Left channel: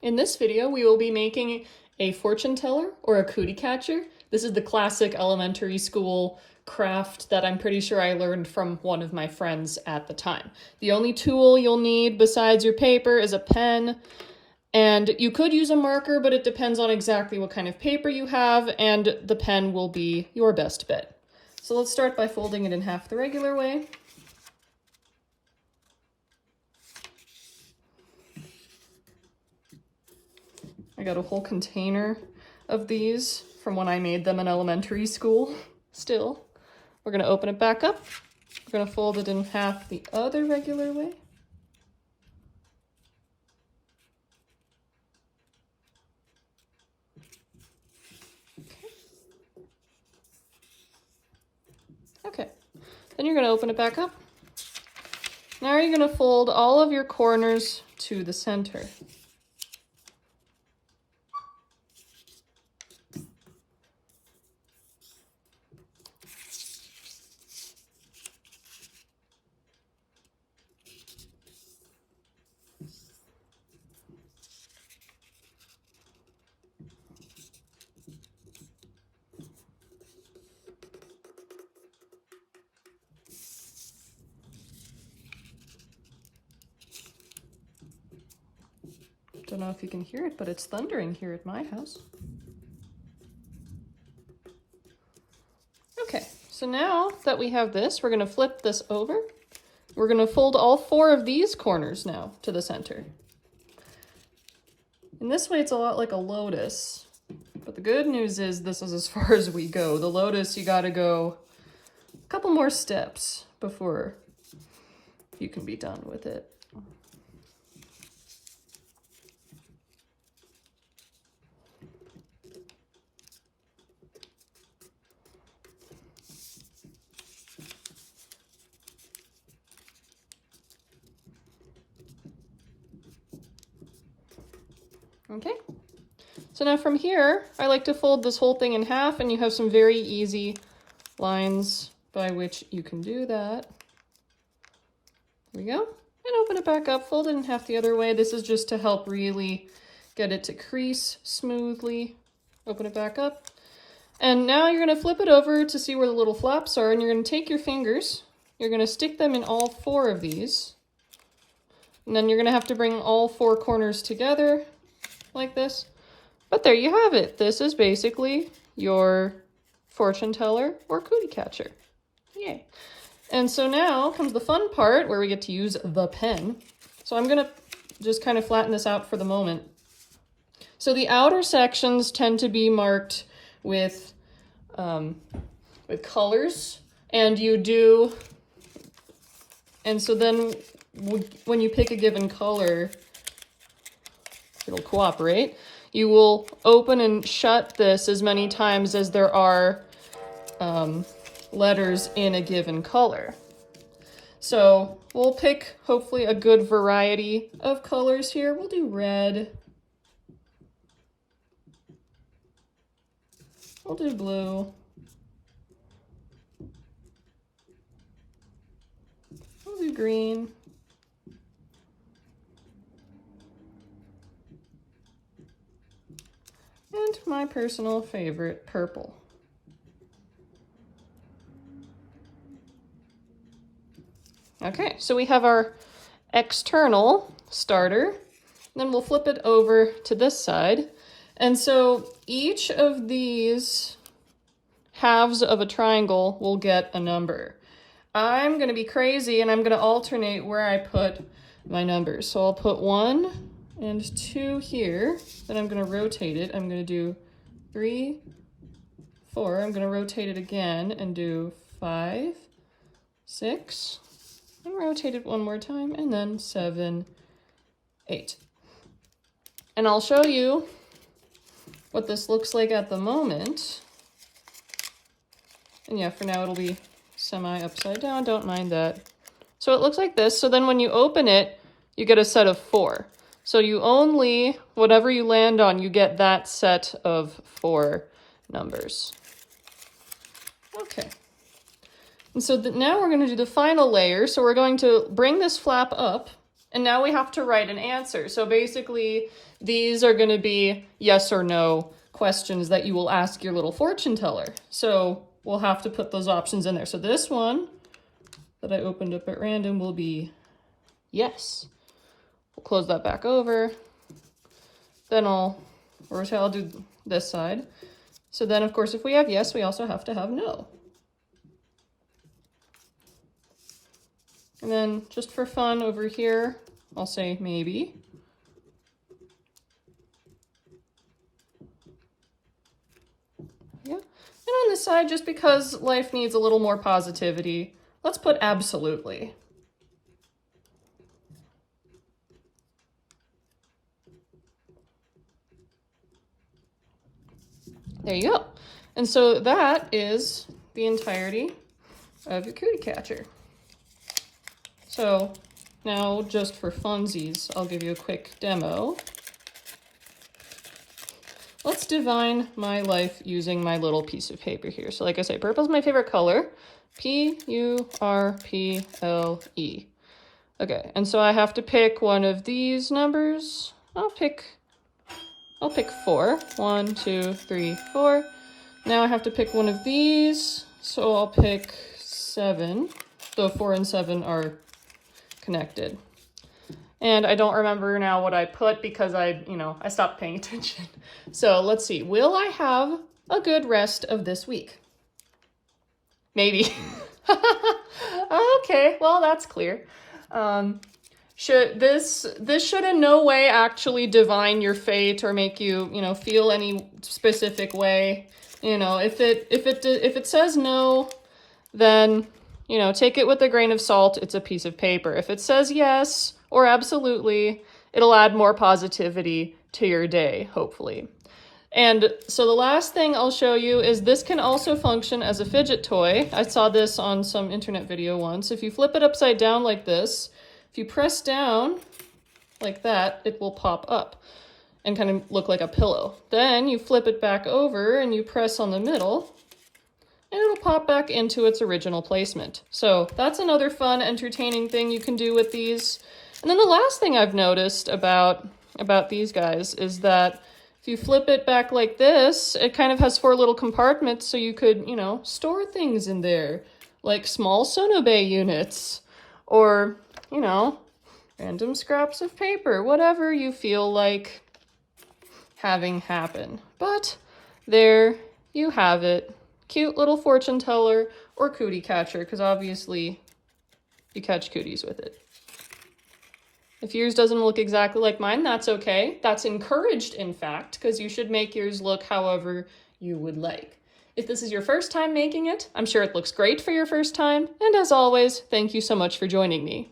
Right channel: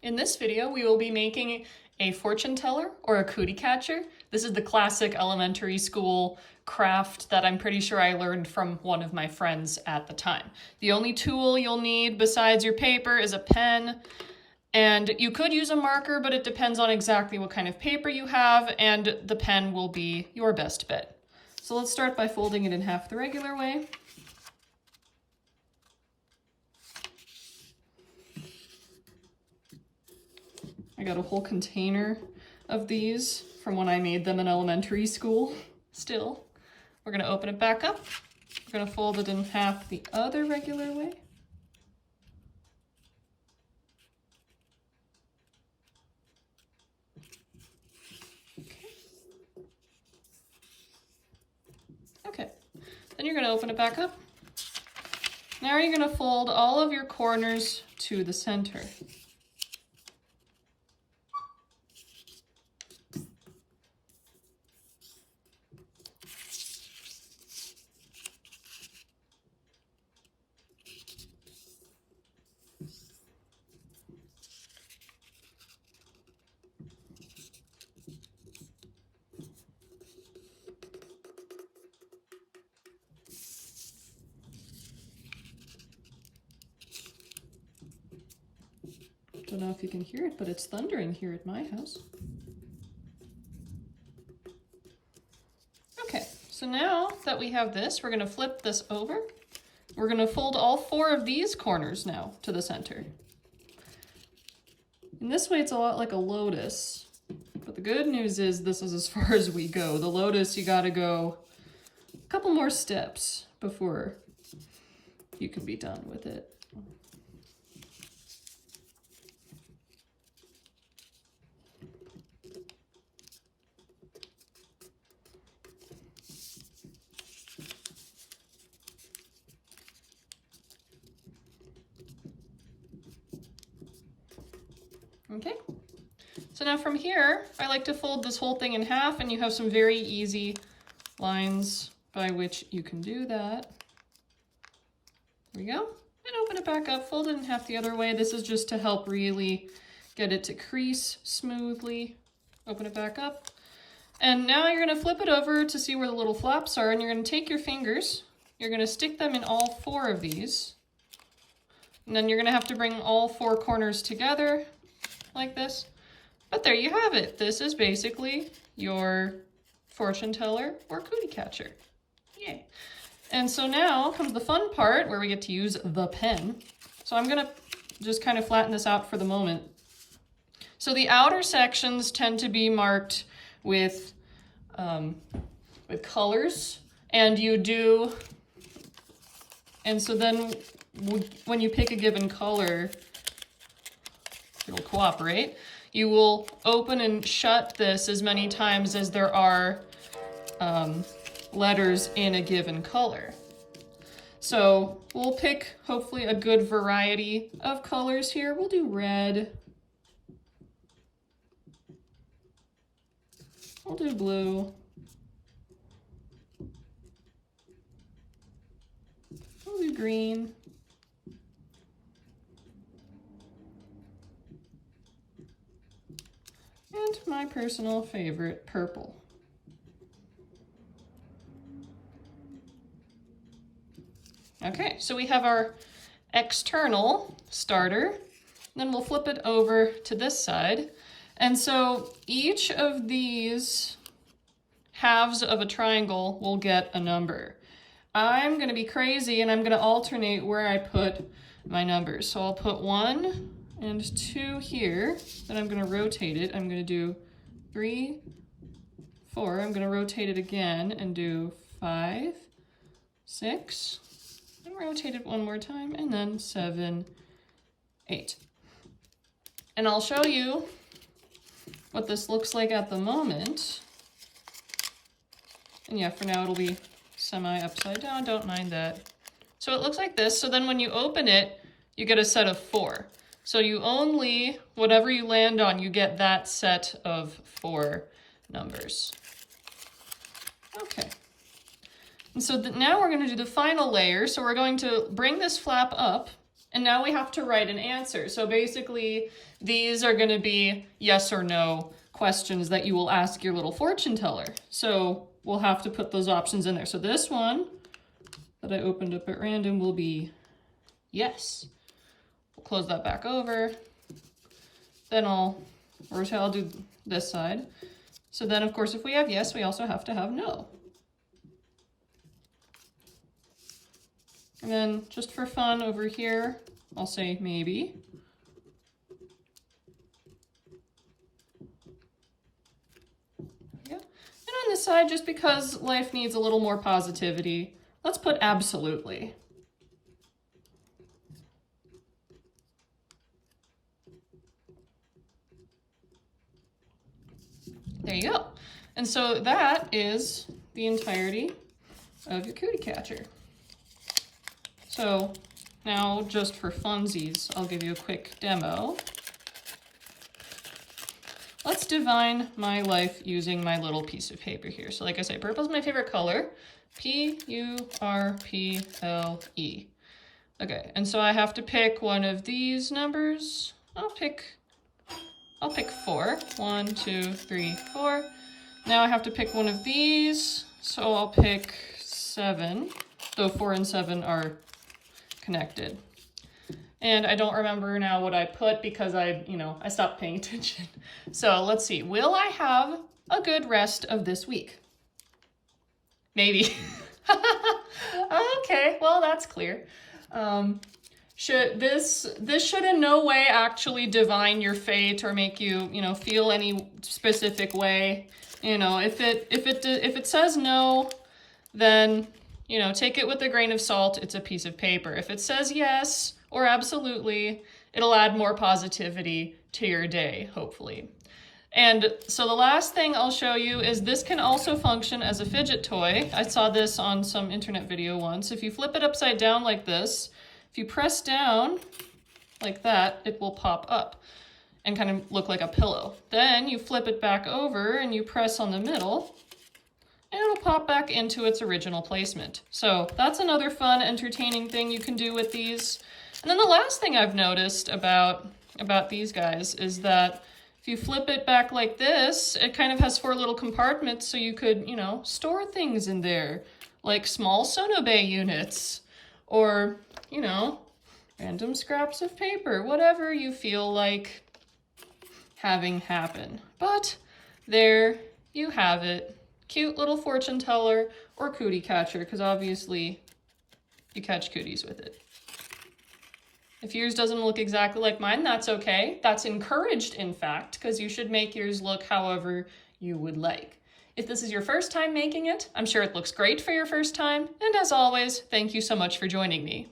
In this video, we will be making a fortune teller or a cootie catcher. This is the classic elementary school craft that I'm pretty sure I learned from one of my friends at the time. The only tool you'll need besides your paper is a pen, and you could use a marker, but it depends on exactly what kind of paper you have, and the pen will be your best bet. So let's start by folding it in half the regular way. I got a whole container of these from when I made them in elementary school still. We're gonna open it back up. We're gonna fold it in half the other regular way. Okay, then you're gonna open it back up. Now you're gonna fold all of your corners to the center. Don't know if you can hear it, but it's thundering here at my house. Okay, so now that we have this, we're gonna flip this over. We're gonna fold all 4 of these corners now to the center. In this way, it's a lot like a lotus, but the good news is this is as far as we go. The lotus, you gotta go a couple more steps before you can be done with it. Okay, so now from here, I like to fold this whole thing in half, and you have some very easy lines by which you can do that. There we go, and open it back up, fold it in half the other way. This is just to help really get it to crease smoothly. Open it back up, and now you're gonna flip it over to see where the little flaps are, and you're gonna take your fingers, you're gonna stick them in all 4 of these, and then you're gonna have to bring all 4 corners together like this. But there you have it. This is basically your fortune teller or cootie catcher. Yay. And so now comes the fun part where we get to use the pen. So I'm gonna just kind of flatten this out for the moment. So the outer sections tend to be marked with colors, and so then when you pick a given color, it'll cooperate. You will open and shut this as many times as there are letters in a given color. So we'll pick hopefully a good variety of colors here. We'll do red. We'll do blue. We'll do green. And my personal favorite, purple. Okay, so we have our external starter, and then we'll flip it over to this side. And so each of these halves of a triangle will get a number. I'm gonna be crazy and I'm gonna alternate where I put my numbers. So I'll put 1 and 2 here, then I'm gonna rotate it. I'm gonna do 3, 4, I'm gonna rotate it again and do 5, 6, and rotate it one more time, and then 7, 8. And I'll show you what this looks like at the moment. And yeah, for now it'll be semi upside down, don't mind that. So it looks like this, so then when you open it, you get a set of 4. So you only, whatever you land on, you get that set of 4 numbers. Okay. And so now we're going to do the final layer. So we're going to bring this flap up, And now we have to write an answer. So basically, these are going to be yes or no questions that you will ask your little fortune teller. So we'll have to put those options in there. So this one that I opened up at random will be yes. We'll close that back over. Then I'll do this side. So then, of course, if we have yes, we also have to have no. And then just for fun over here, I'll say maybe. Yeah. And on this side, just because life needs a little more positivity, let's put absolutely. There you go. And so that is the entirety of your cootie catcher. So now, just for funsies, I'll give you a quick demo. Let's divine my life using my little piece of paper here. So like I say, purple's my favorite color. P-U-R-P-L-E. Okay, and so I have to pick one of these numbers. I'll pick 4. 1, 2, 3, 4. Now I have to pick one of these. So I'll pick 7, though 4 and 7 are connected. And I don't remember now what I put because I stopped paying attention. So let's see. Will I have a good rest of this week? Maybe. Okay, well, that's clear. Sure, this should in no way actually divine your fate or make you, feel any specific way. If it says no, then take it with a grain of salt. It's a piece of paper. If it says yes or absolutely, it'll add more positivity to your day, hopefully. And so the last thing I'll show you is this can also function as a fidget toy. I saw this on some internet video once. If you flip it upside down like this, if you press down like that, it will pop up and kind of look like a pillow. Then you flip it back over and you press on the middle, and it'll pop back into its original placement. So that's another fun, entertaining thing you can do with these. And then the last thing I've noticed about these guys is that if you flip it back like this, it kind of has 4 little compartments, so you could, store things in there, like small sonobe units, or, random scraps of paper, whatever you feel like having happen. But there you have it. Cute little fortune teller or cootie catcher, because obviously you catch cooties with it. If yours doesn't look exactly like mine, that's okay. That's encouraged, in fact, because you should make yours look however you would like. If this is your first time making it, I'm sure it looks great for your first time. And as always, thank you so much for joining me.